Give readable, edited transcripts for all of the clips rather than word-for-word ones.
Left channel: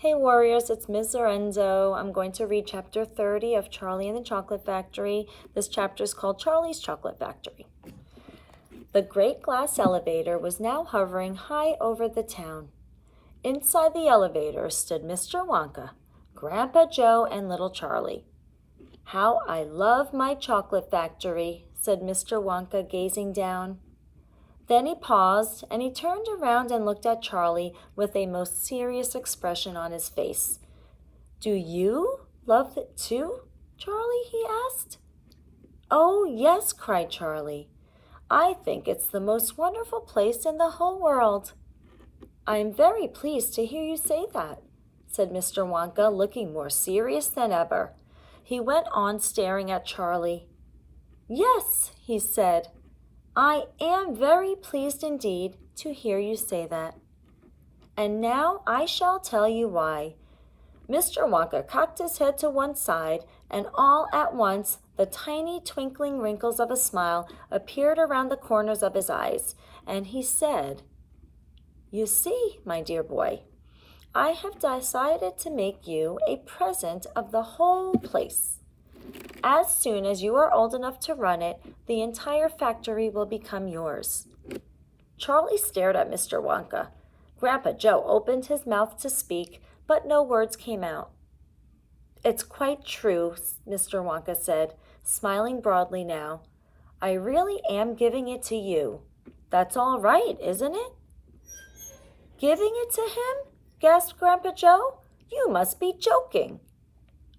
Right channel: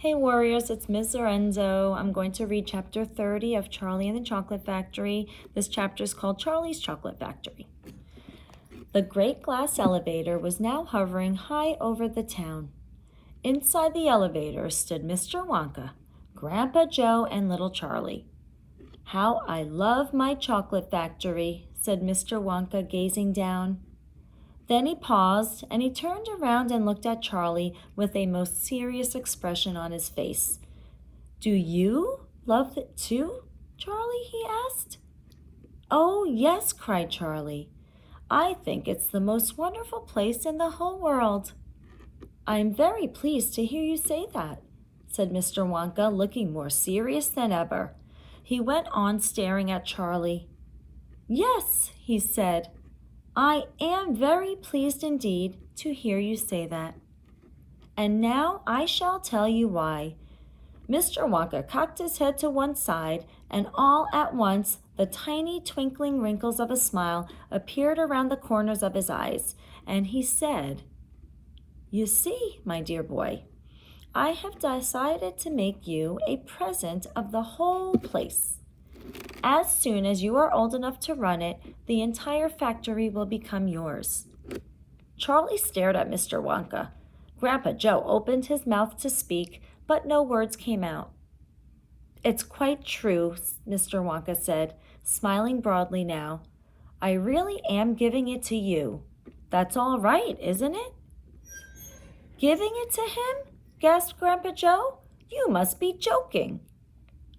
Hey warriors, it's Ms. Lorenzo. I'm going to read chapter 30 of Charlie and the Chocolate Factory. This chapter is called Charlie's Chocolate Factory. The great glass elevator was now hovering high over the town. Inside the elevator stood Mr. Wonka, Grandpa Joe, and little Charlie. "How I love my chocolate factory," said Mr. Wonka, gazing down. Then he paused, and he turned around and looked at Charlie with a most serious expression on his face. "Do you love it too, Charlie?" he asked. "Oh, yes," cried Charlie. "I think it's the most wonderful place in the whole world." "I am very pleased to hear you say that," said Mr. Wonka, looking more serious than ever. He went on staring at Charlie. "Yes," he said, "I am very pleased indeed to hear you say that. And now I shall tell you why." Mr. Wonka cocked his head to one side, and all at once the tiny twinkling wrinkles of a smile appeared around the corners of his eyes, and he said, "You see, my dear boy, I have decided to make you a present of the whole place. As soon as you are old enough to run it, the entire factory will become yours." Charlie stared at Mr. Wonka. Grandpa Joe opened his mouth to speak, but no words came out. "It's quite true," Mr. Wonka said, smiling broadly now. "I really am giving it to you. That's all right, isn't it?" "Giving it to him?" gasped Grandpa Joe. "You must be joking."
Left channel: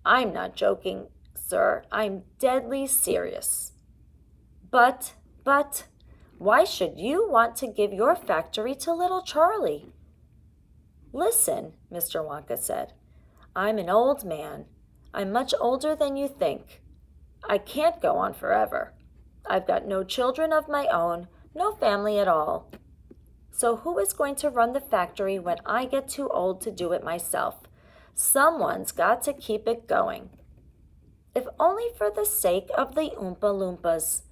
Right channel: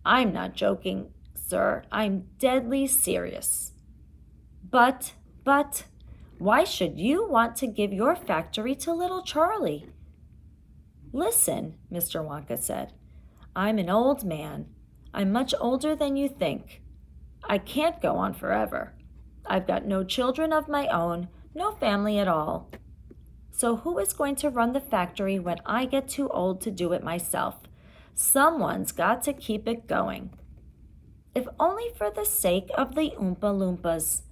"I'm not joking, sir. I'm deadly serious." But, why should you want to give your factory to little Charlie?" "Listen," Mr. Wonka said. "I'm an old man. I'm much older than you think. I can't go on forever. I've got no children of my own, no family at all. So who is going to run the factory when I get too old to do it myself? Someone's got to keep it going. If only for the sake of the Oompa Loompas.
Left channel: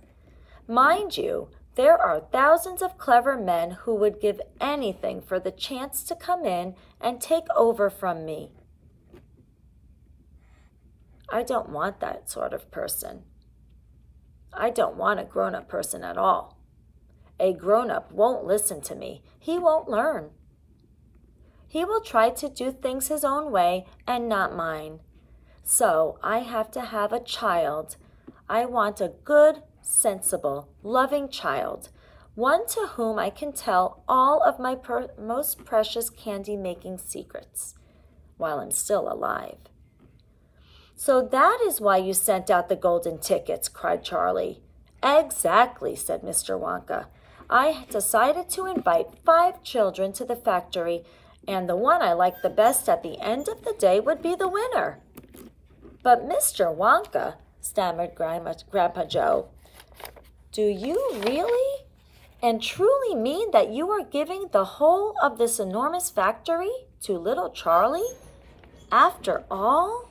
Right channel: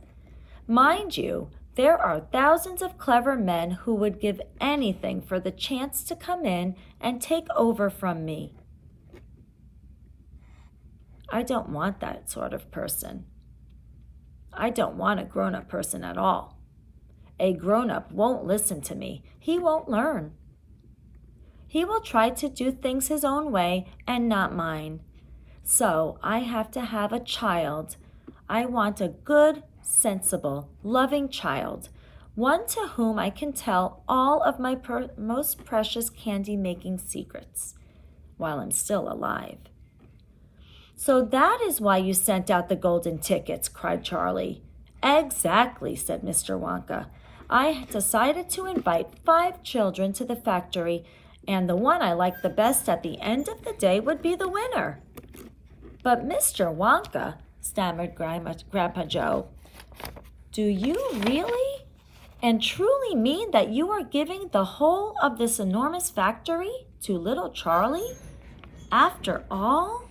Mind you, there are thousands of clever men who would give anything for the chance to come in and take over from me. I don't want that sort of person. I don't want a grown-up person at all. A grown-up won't listen to me. He won't learn. He will try to do things his own way and not mine. So I have to have a child. I want a good, sensible, loving child, one to whom I can tell all of my most precious candy-making secrets while I'm still alive." "So that is why you sent out the golden tickets," cried Charlie. "Exactly," said Mr. Wonka. "I decided to invite 5 children to the factory, and the one I liked the best at the end of the day would be the winner." "But Mr. Wonka," stammered Grandpa Joe, "do you really and truly mean that you are giving the whole of this enormous factory to little Charlie? After all?"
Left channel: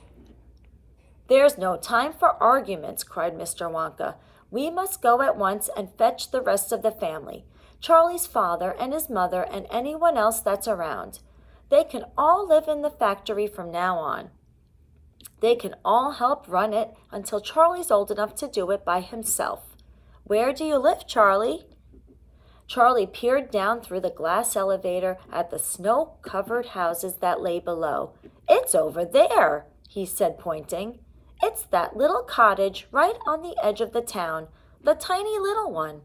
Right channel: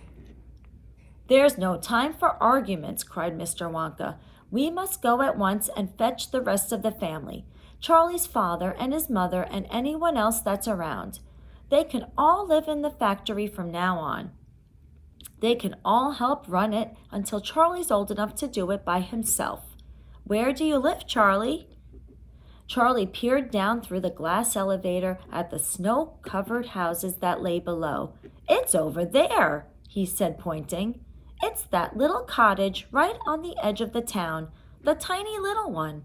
"There's no time for arguments," cried Mr. Wonka. "We must go at once and fetch the rest of the family, Charlie's father and his mother and anyone else that's around. They can all live in the factory from now on. They can all help run it until Charlie's old enough to do it by himself. Where do you live, Charlie?" Charlie peered down through the glass elevator at the snow-covered houses that lay below. "It's over there," he said, pointing. "It's that little cottage right on the edge of the town, the tiny little one."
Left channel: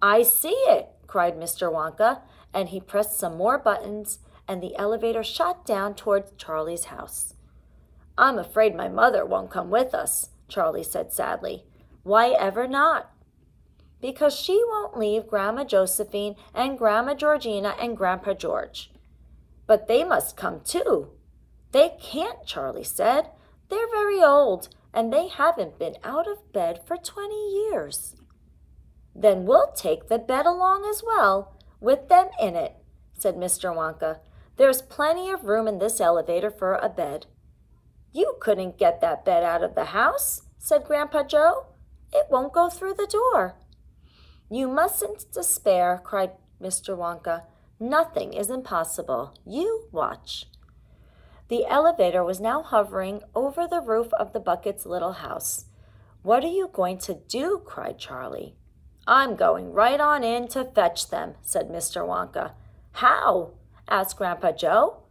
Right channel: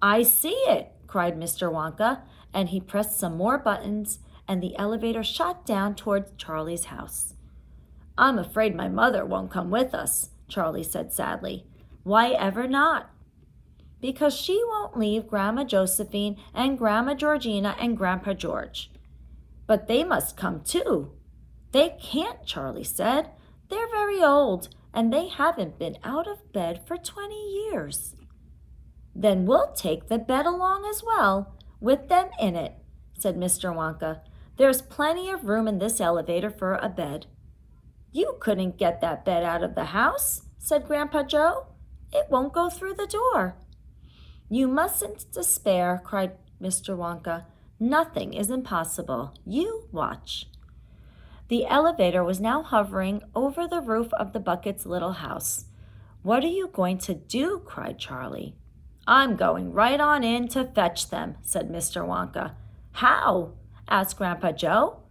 "I see it," cried Mr. Wonka, and he pressed some more buttons, and the elevator shot down toward Charlie's house. "I'm afraid my mother won't come with us," Charlie said sadly. "Why ever not?" "Because she won't leave Grandma Josephine and Grandma Georgina and Grandpa George." "But they must come too." "They can't," Charlie said. "They're very old, and they haven't been out of bed for 20 years. "Then we'll take the bed along as well, with them in it," said Mr. Wonka. "There's plenty of room in this elevator for a bed." "You couldn't get that bed out of the house," said Grandpa Joe. "It won't go through the door." "You mustn't despair," cried Mr. Wonka. "Nothing is impossible. You watch." The elevator was now hovering over the roof of the Bucket's little house. "What are you going to do?" cried Charlie. "I'm going right on in to fetch them," said Mr. Wonka. "How?" asked Grandpa Joe.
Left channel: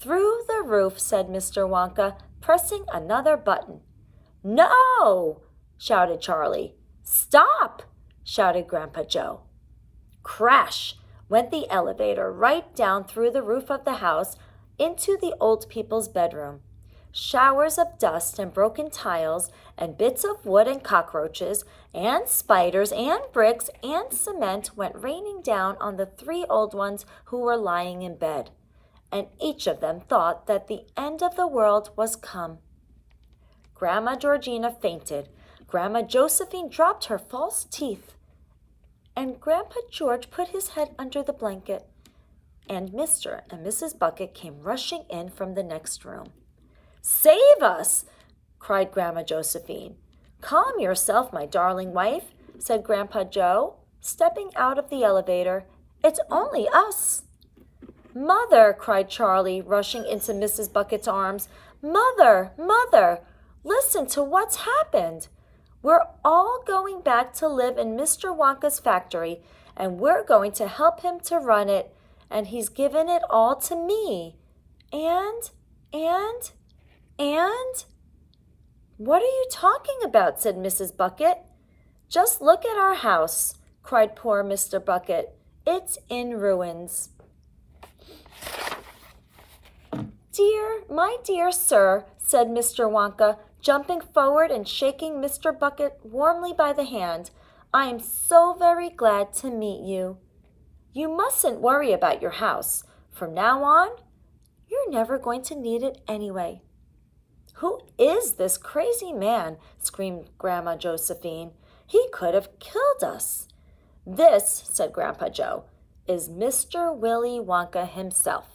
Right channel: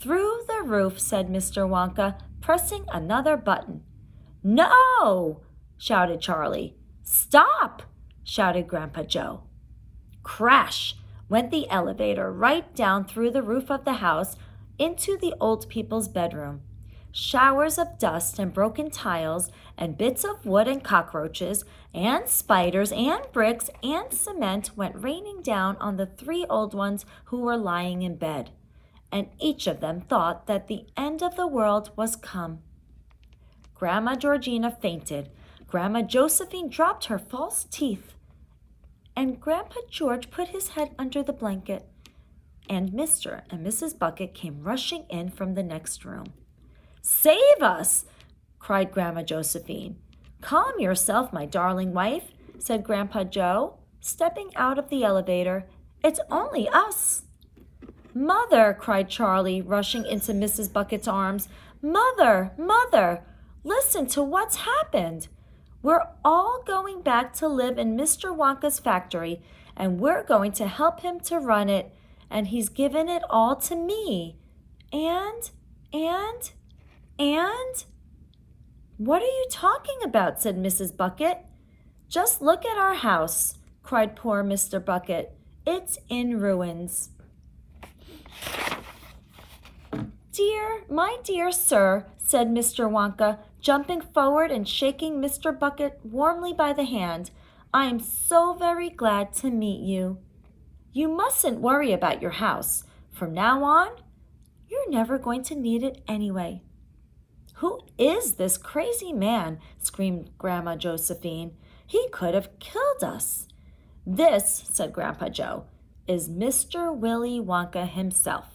"Through the roof," said Mr. Wonka, pressing another button. "No!" shouted Charlie. "Stop!" shouted Grandpa Joe. Crash went the elevator right down through the roof of the house into the old people's bedroom. Showers of dust and broken tiles and bits of wood and cockroaches and spiders and bricks and cement went raining down on the three old ones who were lying in bed, and each of them thought that the end of the world was come. Grandma Georgina fainted, Grandma Josephine dropped her false teeth, and Grandpa George put his head under the blanket, and Mr. and Mrs. Bucket came rushing in from the next room. "Save us!" cried Grandma Josephine. "Calm yourself, my darling wife," said Grandpa Joe, stepping out of the elevator. "It's only us." "Mother!" cried Charlie, rushing into Mrs. Bucket's arms. "Mother! Mother! Listen to what's happened. We're all going back to live in Mr. Wonka's factory, and we're going to help him to run it, and he's given it all to me. And... "What are you talking about?" said Mrs. Bucket. "Just look at our house," cried poor Mr. Bucket. "It's in ruins." My dear sir," said Mr. Wonka, jumping forward and shaking Mr. Bucket warmly by the hand, "I am so very glad to meet you. You mustn't worry about your house. From now on, you're never going to need it anyway." "Who is this crazy man?" screamed Grandma Josephine. "He could have killed us." "This," said Grandpa Joe, "is Mr. Willy Wonka himself."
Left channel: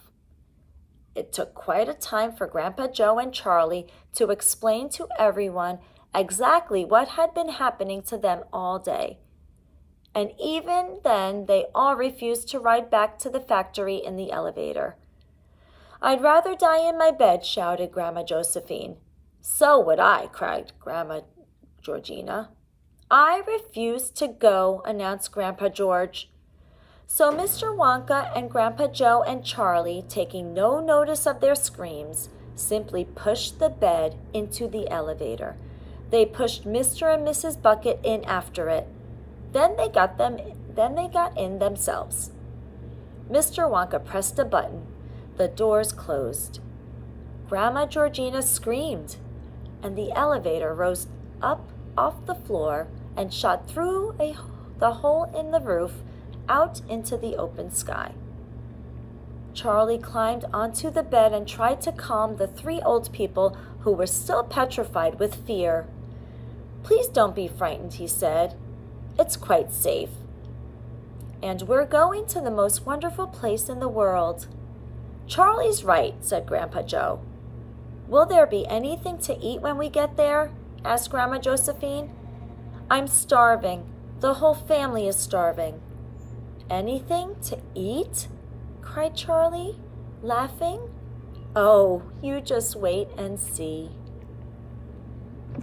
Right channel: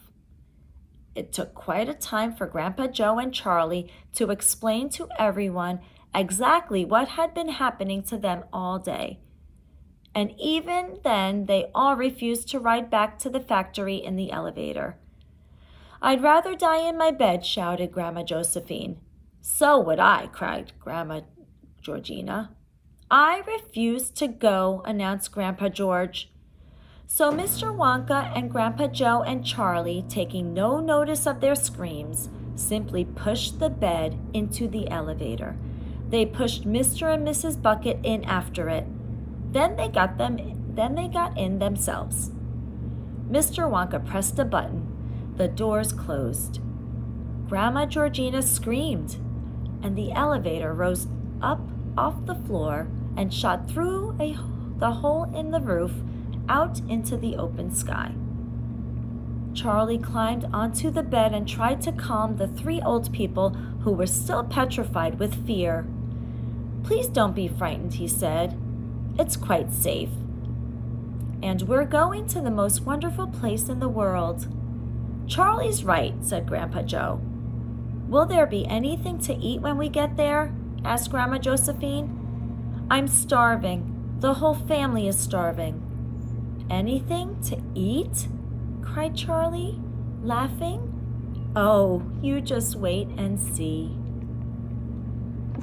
It took quite a time for Grandpa Joe and Charlie to explain to everyone exactly what had been happening to them all day. And even then, they all refused to ride back to the factory in the elevator. "I'd rather die in my bed," shouted Grandma Josephine. "So would I," cried Grandma Georgina. "I refuse to go," announced Grandpa George. So Mr. Wonka and Grandpa Joe and Charlie, taking no notice of their screams, simply pushed the bed into the elevator. They pushed Mr. and Mrs. Bucket in after it. Then they got in themselves. Mr. Wonka pressed a button. The doors closed. Grandma Georgina screamed, and the elevator rose up off the floor and shot through the hole in the roof out into the open sky. Charlie climbed onto the bed and tried to calm the three old people who were still petrified with fear. "Please don't be frightened," he said. "It's quite safe. And we're going to the most wonderful place in the world." "Charlie's right," said Grandpa Joe. "Will there be anything to eat when we get there?" asked Grandma Josephine. "I'm starving. The whole family is starving." "Anything to eat?" cried Charlie, laughing. "Oh, you just wait and see."